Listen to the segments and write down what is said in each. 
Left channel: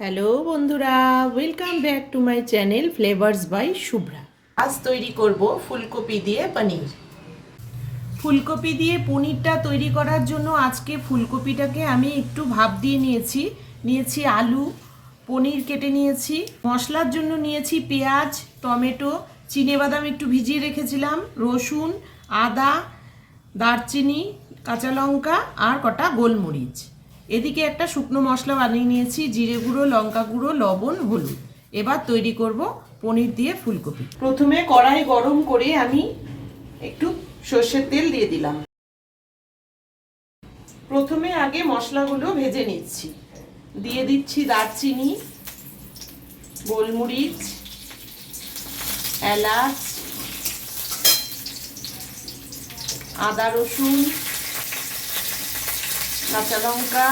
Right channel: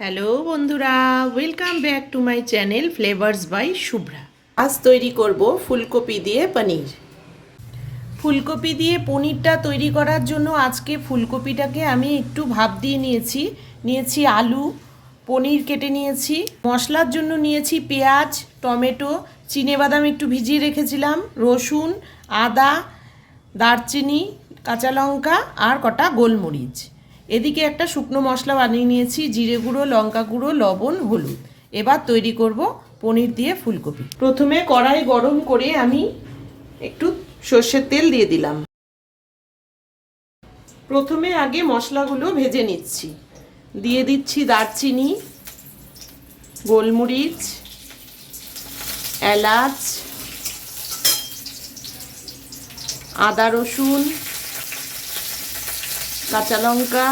Hello বন্ধুরা, welcome back to my channel flavours by Shubhra. আজ তৈরি করব ফুলকপি দিয়ে পনির। ফুলকপি দিয়ে পনিরটা তৈরি করার জন্য আজকে ফুলকপিটাকে আমি একটু ভাপ দিয়ে নিয়েছি আলু, পনির কেটে নিয়েছি। মশলার জন্য নিয়েছি পেঁয়াজ, টমেটো, চিনেবাদাম একটু ভিজিয়ে রেখেছিলাম, রসুন, আদা, দারচিনি, কাঁচা লঙ্কা আর কটা গোলমরিচ। এদিকে একটা শুকনো মশলা বানিয়ে নিয়েছি, জিরে গুঁড়ো, লঙ্কা গুঁড়ো, লবণ, হলুদ। এবার তৈরি করব পনির দিয়ে ফুলকপি। প্রথমে কড়াই গরম করে আমি একটু সর্ষের তেল দিয়ে দিলাম। প্রথমে আগে মশলাগুলো ভেজে নিচ্ছি। দিয়ে দিচ্ছি দারচিনি, গোলমরিচ, এলাচ, আদা রসুন, কাঁচা লঙ্কা,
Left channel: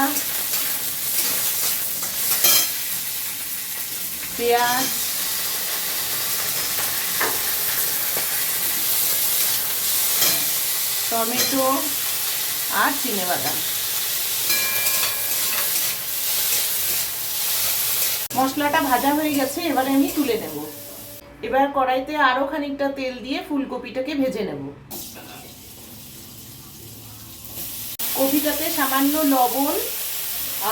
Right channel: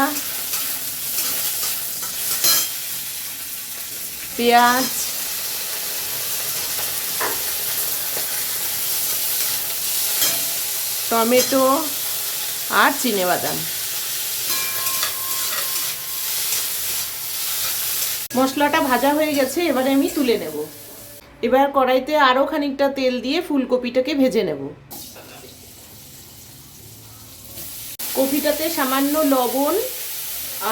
পেঁয়াজ, টমেটো আর চিনেবাদাম। মশলাটা ভাজা হয়ে গেছে, এবারে আমি তুলে নেব। এবার কড়াইতে আরো খানিকটা তেল দিয়ে ফুলকপিটাকে ভেজে নেব। কপিটাতে সামান্য লবণ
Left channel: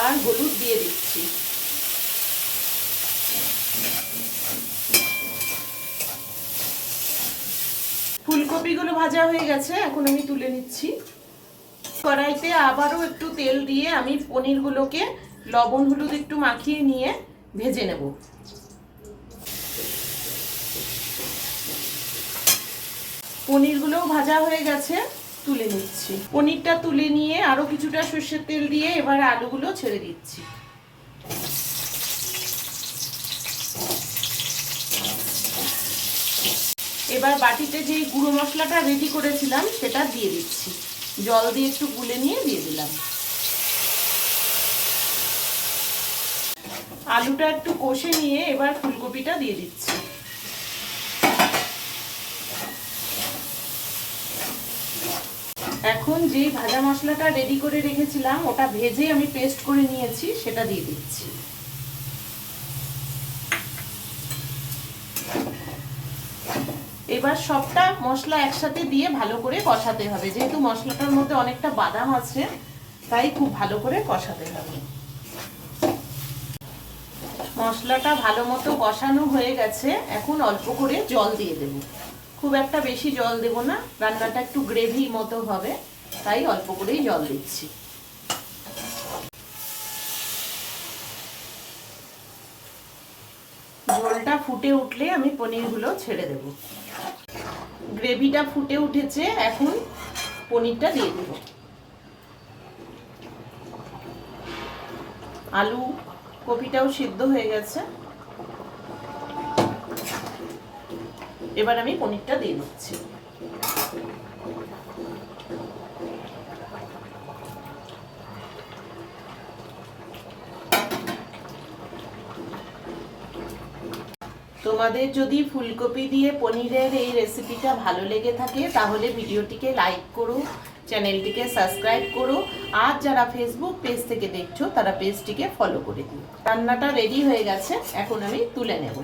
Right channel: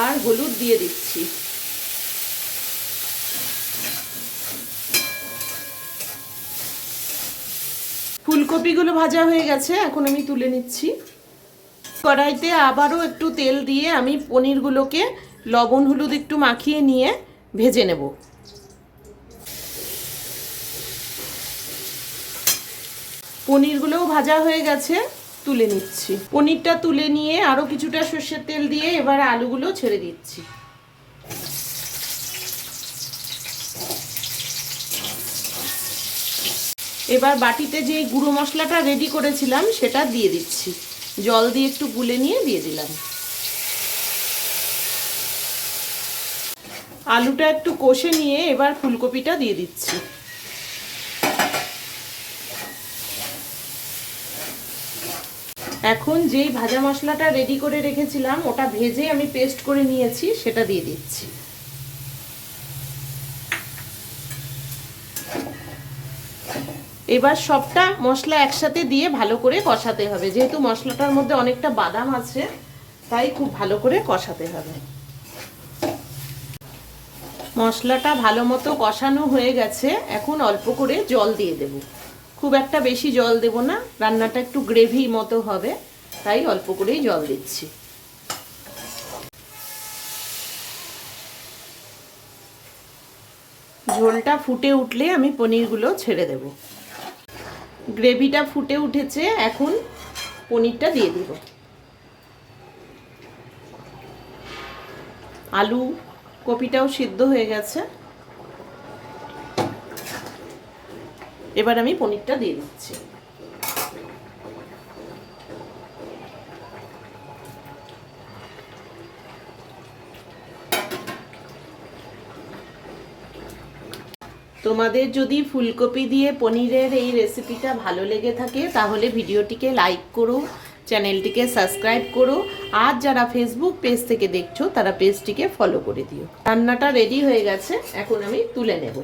আর হলুদ দিয়ে দিচ্ছি। ফুলকপিগুলো ভাজা হয়ে গেছে, এখন আমি তুলে নিচ্ছি। কড়াইতে আবারও একটু তেল দিয়ে আমি পনিরগুলোকে লবণ হলুদ একটু মাখিয়ে নিয়ে ভেজে নেব। পনিরগুলোও ভাজা হয়ে গেছে, তুলে নিচ্ছি। পনিরটা তুলে নিয়ে আরো কিছুটা সর্ষের তেল দিয়ে এবার আলুগুলো ছেড়ে দিচ্ছি। এবার বাটিতে যে গুঁড়ো মশলাটা রেডি করেছিলাম সেটা দিয়ে দিচ্ছি। জল দিয়ে একটু গুলে নিয়ে দিয়ে দিলাম। আলুটা একটু কষে নিয়ে এবার ফুলকপিটা দিয়ে দিচ্ছি। এখন যে ভাজা মশলাটা রেডি করে রেখেছিলাম ওটা ভেজে আমি পেস্ট করে নিয়েছি, সেটা দিয়ে দিচ্ছি। এবার সবটা মশলা একসাথে দিয়ে ভালো করে কষাতে হবে। যেহেতু মশলাটার মধ্যে অনেকটা বাদাম আছে, তাই খুব ভালো করে কষাতে হবে। মশলাটা ভালো মতো কষানো হয়ে গেছে, এখন অল্প করে জল দিয়ে দেব। খুব একটা বেশি জল দেব না, রান্নাটা একটু গ্রেভি মতো হবে, তাই অল্প করেই জল দিচ্ছি। ঝোলটা ফুটে উঠলে আমি পনিরগুলো ছেড়ে দেব। গ্রেভিটা ফুটে উঠেছে, এখন পনিরটা দিয়ে দেব। আলু কপিটাও সিদ্ধ হয়ে গেছে, এবার আমি পনিরটা দিয়ে দিচ্ছি। তোমাদের যদি ফুলকপি দিয়ে পনিরের এই রেসিপিটা ভালো লেগে থাকে তাহলে ভিডিওটিকে লাইক করো, চ্যানেলটিকে সাবস্ক্রাইব করো, আর যারা ফেসবুক পেজ থেকে দেখছো তারা পেজটিকে ফলো করে দিও। রান্নাটা রেডি হয়ে গেছে, এখন আমি তুলে নেব।